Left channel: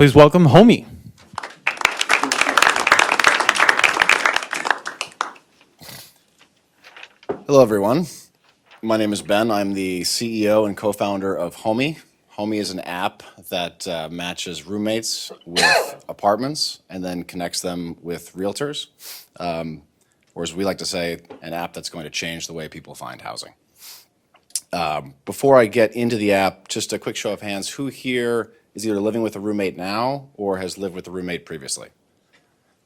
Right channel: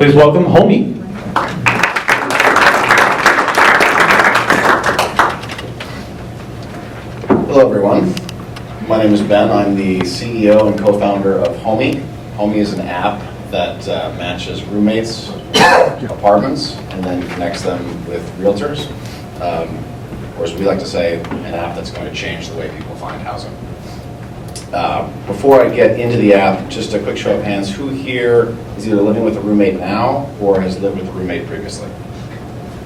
Please welcome Homi. Hello everyone, my name is Ben. I'm the CEO and co-founder of Homi. Homi is an app that matches roommates, apartments, and then connects them with realtors. Or as we like to say, an app that's going to change the way people find housing. Before I get into the app, just a quick show of hands. Who here is either living with a roommate now or has lived with a roommate previously?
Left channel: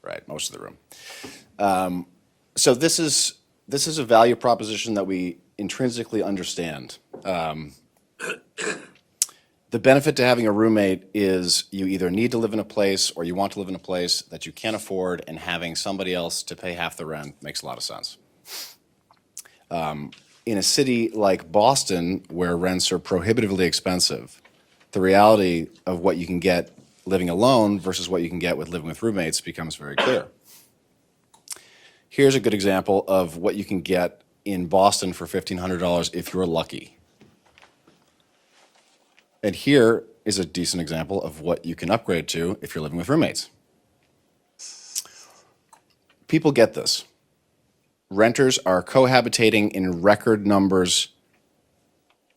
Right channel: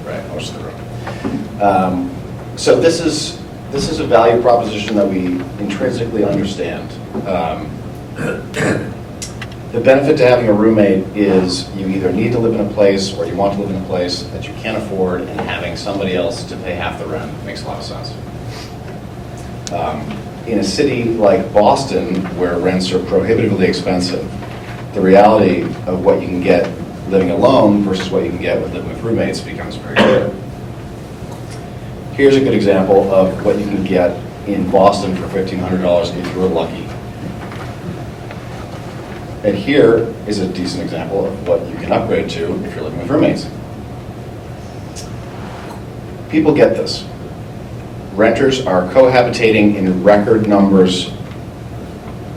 Right, most of the room. So this is a value proposition that we intrinsically understand. The benefit to having a roommate is you either need to live in a place or you want to live in a place that you can't afford, and having somebody else to pay half the rent makes a lot of sense. In a city like Boston, where rents are prohibitively expensive, the reality of what you can get living alone versus what you can get with living with roommates becomes very clear. Here's a good example of what you can get in Boston for $1,500 if you're lucky. And here is a decent example of what you can upgrade to if you're living with roommates. People get this. Renters are cohabitating in record numbers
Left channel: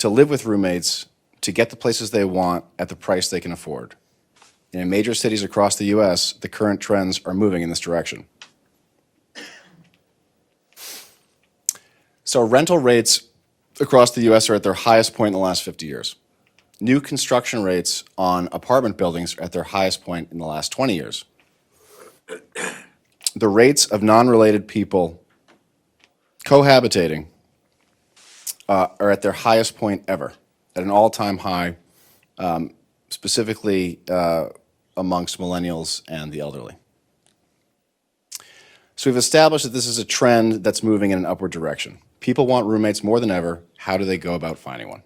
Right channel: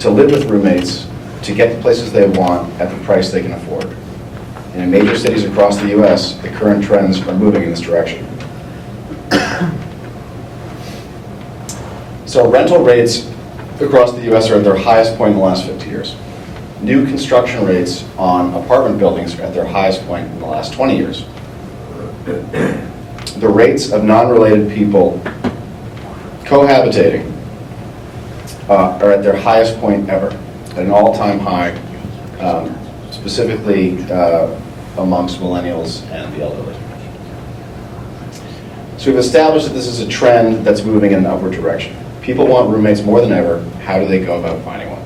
to live with roommates to get the places they want at the price they can afford. And in major cities across the US, the current trends are moving in this direction. So rental rates across the US are at their highest point in the last 50 years. New construction rates on apartment buildings are at their highest point in the last 20 years. The rates of non-related people cohabitating are at their highest point ever, at an all-time high, specifically amongst millennials and the elderly. So we've established that this is a trend that's moving in an upward direction. People want roommates more than ever. How do they go about finding one?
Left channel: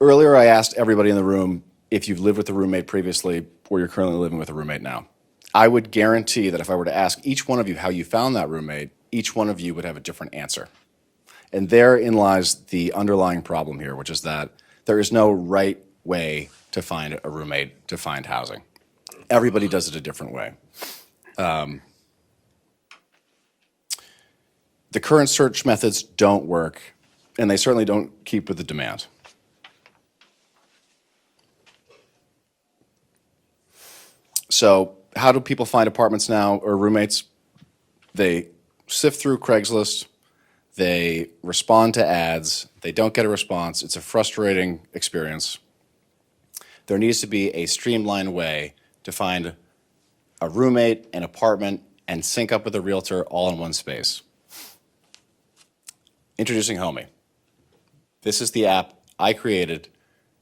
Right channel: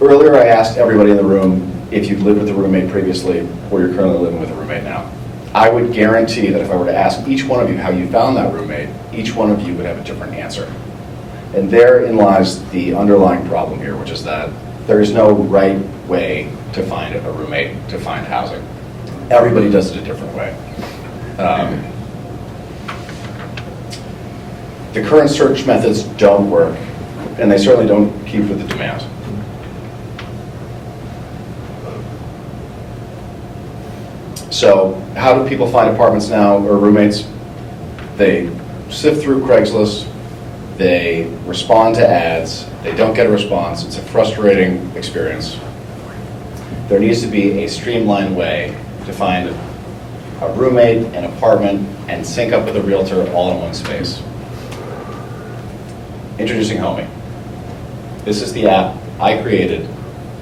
Earlier I asked everybody in the room if you've lived with a roommate previously or you're currently living with a roommate now. I would guarantee that if I were to ask each one of you how you found that roommate, each one of you would have a different answer. And therein lies the underlying problem here, which is that there is no right way to find a roommate, to find housing. Everybody does it a different way. The current search methods don't work, and they certainly don't keep with the demand. So how do people find apartments now or roommates? They sift through Craigslist, they respond to ads, they don't get a response. It's a frustrating experience. There needs to be a streamlined way to find a roommate, an apartment, and sync up with a realtor all in one space. Introducing Homi. This is the app I created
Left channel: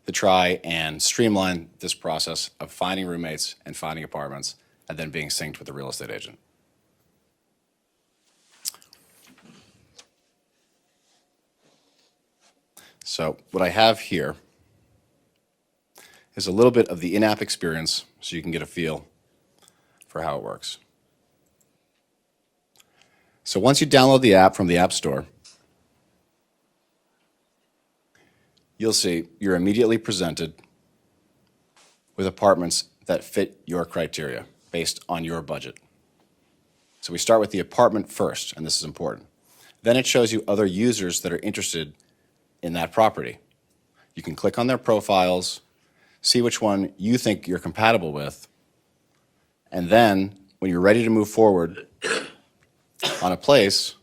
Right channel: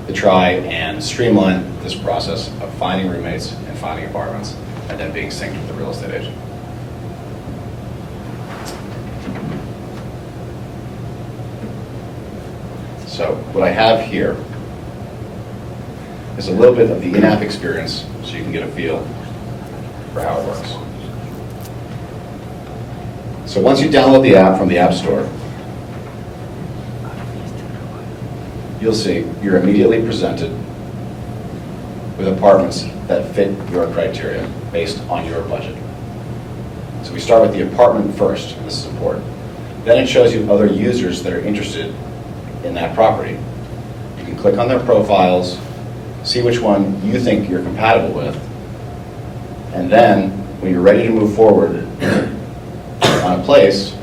to try and streamline this process of finding roommates and finding apartments and then being synced with a real estate agent. So what I have here is a little bit of the in-app experience so you can get a feel for how it works. So once you download the app from the App Store, you'll see you're immediately presented with apartments that fit your criteria based on your budget. So we start with the apartment first, and this is important. Then it shows you other users that are interested in that property. You can click on their profiles, see which one you think you're compatible with, and then when you're ready to move forward on a place,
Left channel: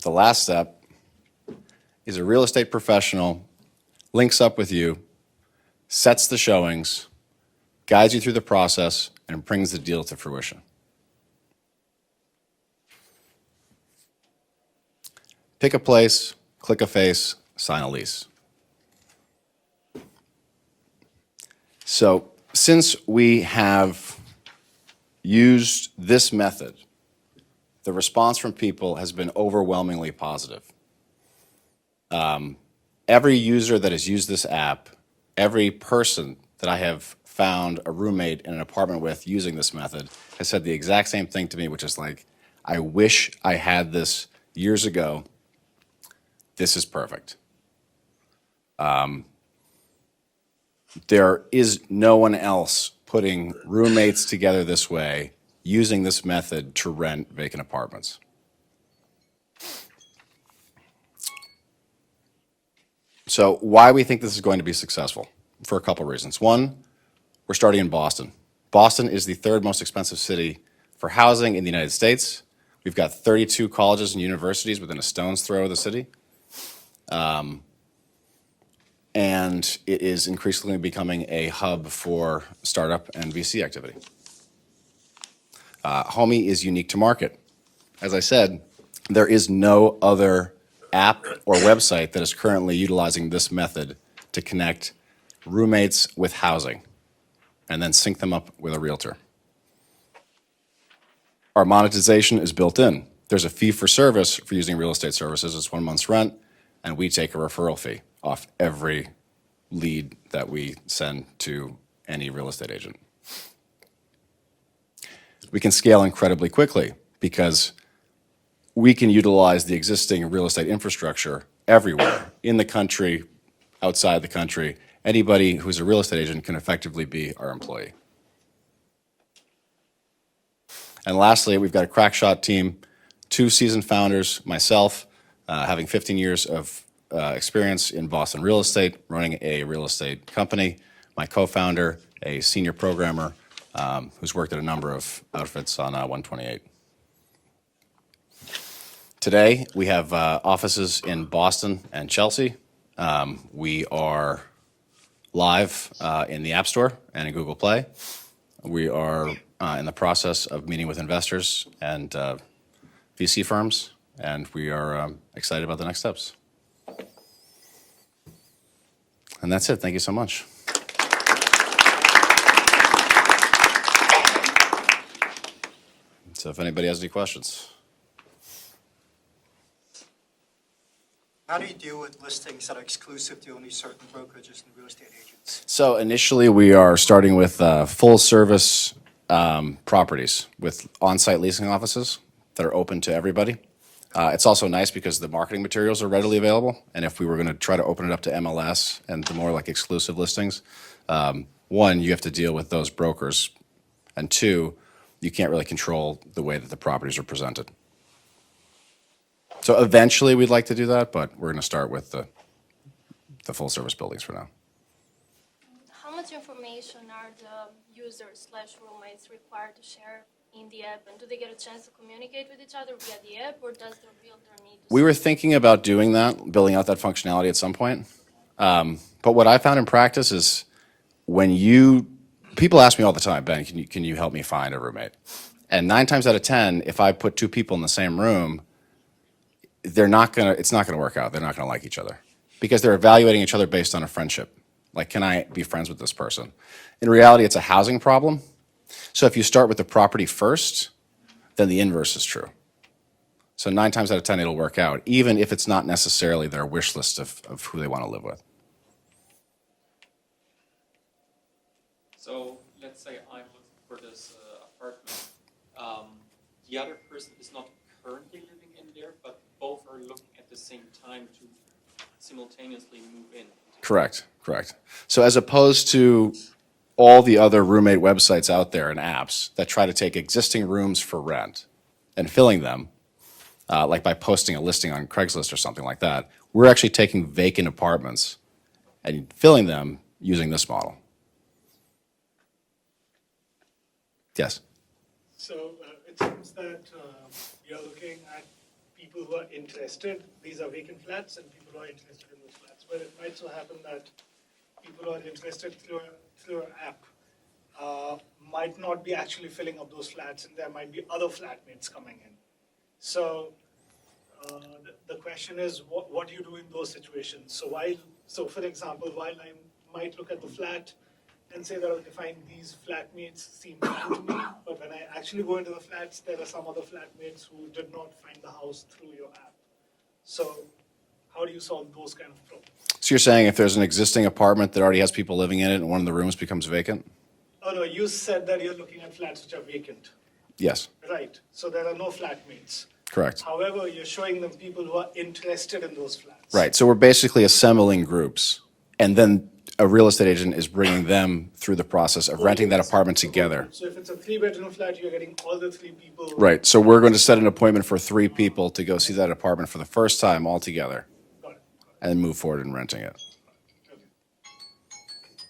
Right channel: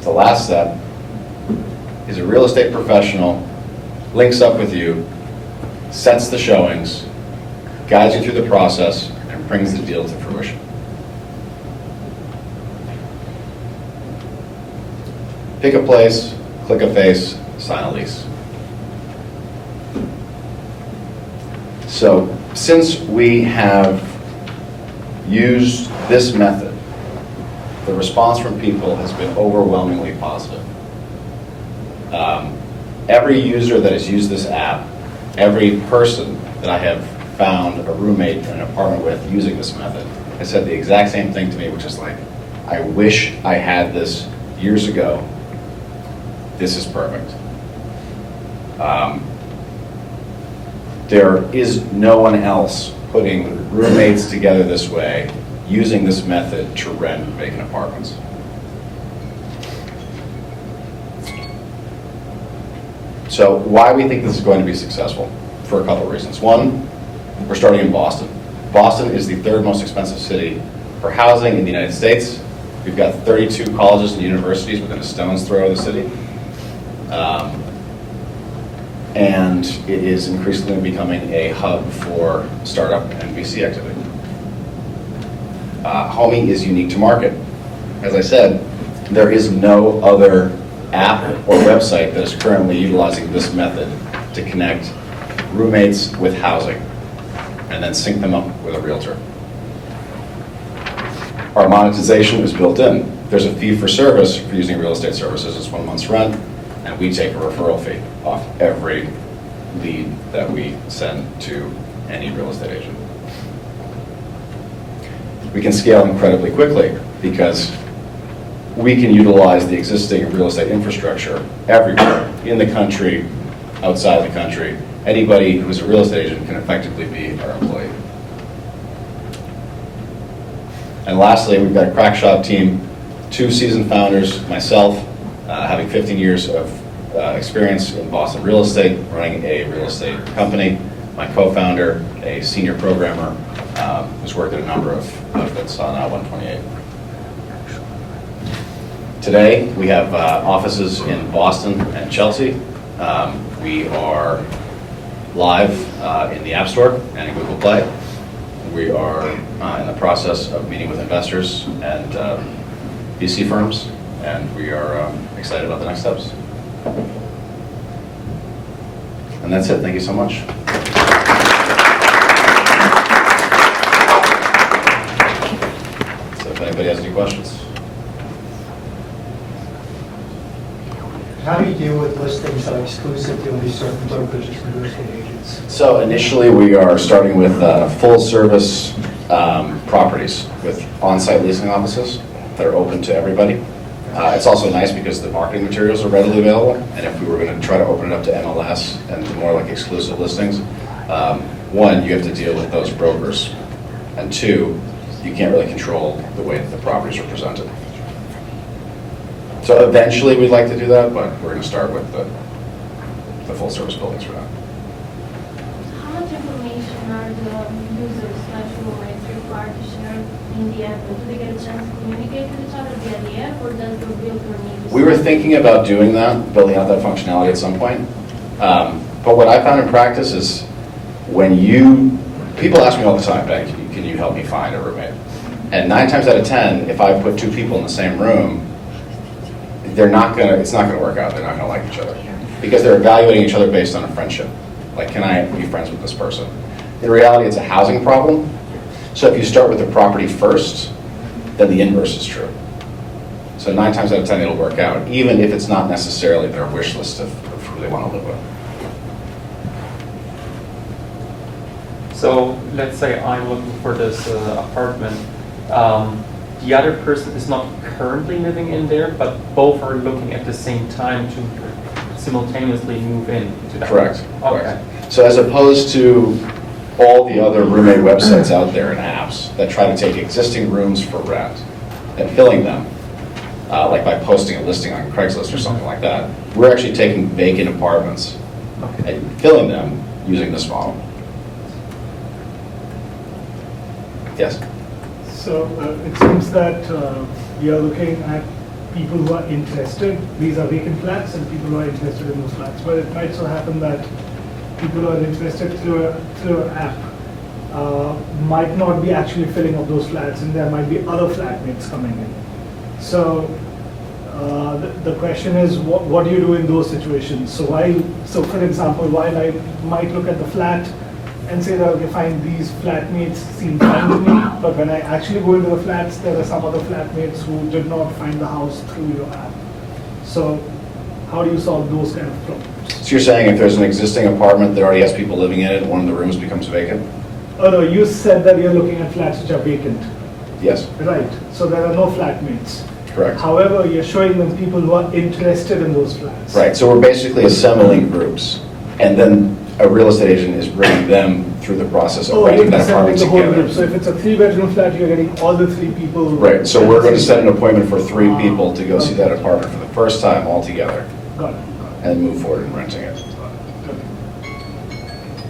the last step is a real estate professional links up with you, sets the showings, guides you through the process, and brings the deal to fruition. Pick a place, click a face, sign a lease. So since we have used this method, the response from people has been overwhelmingly positive. Every user that has used this app, every person that I have found a roommate in an apartment with using this method has said the exact same thing to me, which is like, I wish I had this years ago. This is perfect. There is no one else putting roommates together this way, using this method to rent vacant apartments. So why we think this is going to be successful? For a couple of reasons. One, we're starting in Boston. Boston is the third most expensive city for housing in the United States. We've got 32 colleges and universities within a stone's throw of the city. And it is increasingly becoming a hub for startup and VC activity. Homi is unique to market. As I said, there is no other app or website that is currently utilizing this method to connect roommates with housing and then sync them up with a realtor. Our monetization is built in. There's a fee for service for using real estate services. It's 1 month's rent, and we take a referral fee off every lead that we send to any real estate agent. We can scale incredibly quickly because we can utilize the existing real estate infrastructure everywhere, in the country, outside the country. Anybody who is a real estate agent can effectively be our employee. And lastly, we've got a crack shot team, 2 seasoned founders, myself, having 15 years of experience in Boston real estate, running a real estate company, my co-founder, a senior programmer, who's worked at a number of outfits on 128. Today, we have offices in Boston and Chelsea. We are live in the App Store and in Google Play. We are in the process of meeting with investors and VC firms, and we are excited about the next steps. And that's it. Thank you so much. So if anybody has any questions. How do you deal with listings that are exclusive to only certain brokers and real estate agents? So initially, we are starting with full-service properties with on-site leasing offices that are open to everybody. It's also nice because the marketing materials are readily available, and if we were going to try to open it up to MLS and to more like exclusive listings, one, you have to deal with those brokers, and two, you can't really control the way that the properties are presented. So eventually we'd like to do that, but we're going to start with the full-service buildings for now. How much information are the users / roommates required to share in the app? Do they get a chance to communicate with each other via the app, or does the realtor need to? We were thinking about doing that, building out that functionality at some point. But what I found in practice is people ask me all the time, Ben, can you help me find a roommate? And 9 times out of 10, if I put 2 people in the same room, it's not gonna work out. They're not gonna like each other because they're evaluating each other based on a friendship. Like, can I be friends with this person? In reality, it's a housing problem. So if you start with the property first, then the inverse is true. So 9 times out of 10, it'll work out, even if it's not necessarily their wish list of who they want to live with. So let's say I'm looking for this apartment. The other person is not currently living in there, but both are looking at the same time to simultaneously move in to that. Correct. Okay. Correct. So as opposed to all the other roommate websites out there and apps that try to take existing rooms for rent and filling them, like by posting a listing on Craigslist or something like that, we're actually taking vacant apartments and filling them using this model. Yes? So it seems that you're looking at people who are interested. These are vacant flats and people who are interested in those flats. But it might so happen that people who are interested through an app might not be actually filling up those flats, and there might be other flatmates coming in. So the question is, what do you do in those situations? So for example, while I might look at the flat and say that, okay, fine, these flatmates seem fine to me, but when I actually go into the flats, there are some other flatmates who did not find the house through your app. So how do you solve those kind of problems? So you're saying if there's an existing apartment that already has people living in it, and one of the rooms becomes vacant? Oh no, you said that you're looking at flats which are vacant. Yes. Right, so there are no flatmates. Correct. However, you're showing them people who are interested in those flats. Right, so we're basically assembling groups. And then a real estate agent is bringing them through the process of Oh, renting you're that apartment sending the whole together. group. So if it's a 3-bedroom flat, you're getting all the 3 people. Right, so we're going to set an appointment for 3 people to go see that apartment for the first time all together, Got it. and then move forward in renting it.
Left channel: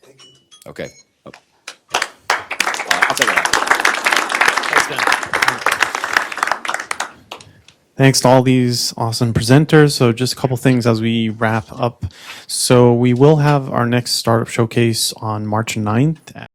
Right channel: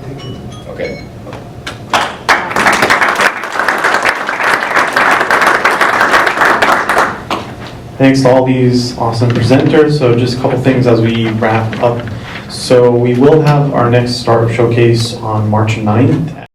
Thank you. Okay? Thanks to all these awesome presenters. So just a couple things as we wrap up. So we will have our next startup showcase on March 9th